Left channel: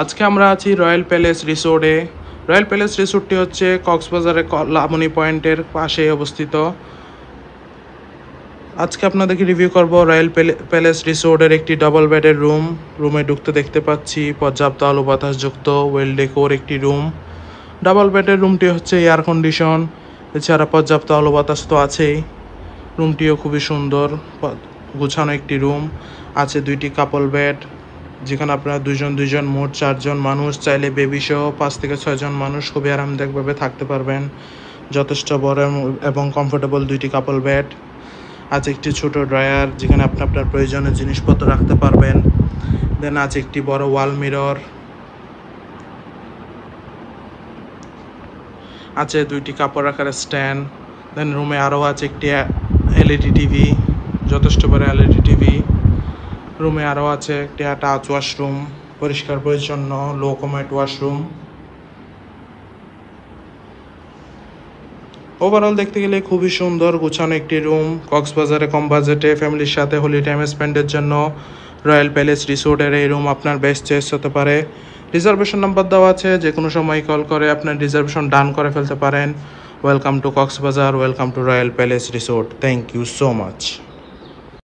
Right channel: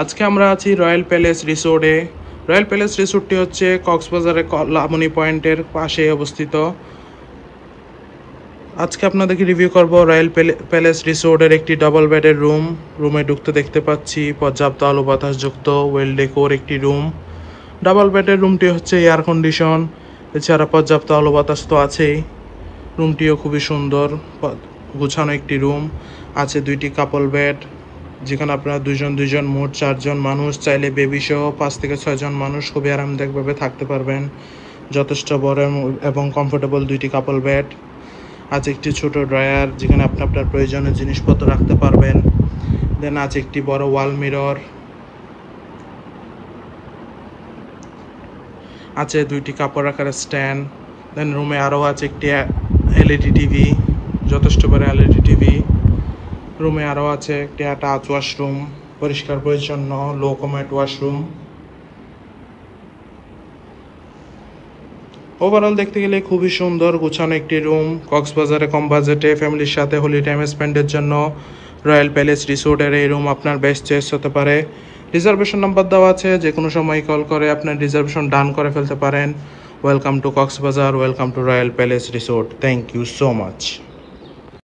আজকে আমরা আছি রয়্যাল প্যালেস রিসোর্টে। রয়্যাল প্যালেস রিসোর্টটি হচ্ছে কক্সবাজারের লাবণী পয়েন্টের পাশে অবস্থিত। আজকে আপনাদেরকে রিভিউ করব রয়্যাল প্যালেস রিসোর্টের একটি ডাবল বেডের রুম। রুমে ঢুকতে দেখতে পাচ্ছি পর্যাপ্ত আলো বাতাসযুক্ত ওয়েল ডেকোর একটি রুম। ডাবল বেডের রুমটি হচ্ছে এয়ার কন্ডিশন, এছাড়া পর্যাপ্ত আলো বাতাস তো আছেই। রুমটিও খুবই সুন্দর, গুছানো একটি রুম। আছে দুইটি কাপল বেড, যেখানে আপনারা দুজন মোট 4 জন মানুষ, চাইলে বেবি সহ 5 থেকে 6 জন মানুষ খুবই আরামদায়কভাবে থাকতে পারবেন। যথেষ্ট বড় এবং কমফোর্টেবল দুইটি কাপল বেড। আছে একটি ছোট ড্রয়ার, যেখানে আপনি আপনার প্রয়োজনীয় জিনিসপত্র রাখতে পারবেন। দেন আছে একটি বড় ওয়াল মিরর। আছে দুইটি কাপড় রাখার স্ট্যান্ড। দেন রুমে আরও আছে একটি এলইডি টিভি, যথেষ্ট বড় এলইডি টিভি। রুমে আরও আছে একটি টাচ ওয়াশরুম, পরিষ্কার পরিচ্ছন্ন লো কমেট ওয়াশরুম। ওভারঅল দেখতে গেলে খুবই সুন্দর গুছানো একটি রুম। কক্সবাজারে কম বাজেটে ফ্যামিলির সাথে হোলি টাইম স্পেন্ডের জন্য রয়্যাল প্যালেস রিসোর্টের এই রুম আপনার বেস্ট চয়েস হতে পারে। রিজার্ভেশন নাম্বার দেওয়া আছে, যে কোনো সময় কল করে আপনার রিজার্ভেশন ডান করে ফেলতে পারেন। Welcome to Cox's Bazar, welcome to royal palace resort. Thank you so much.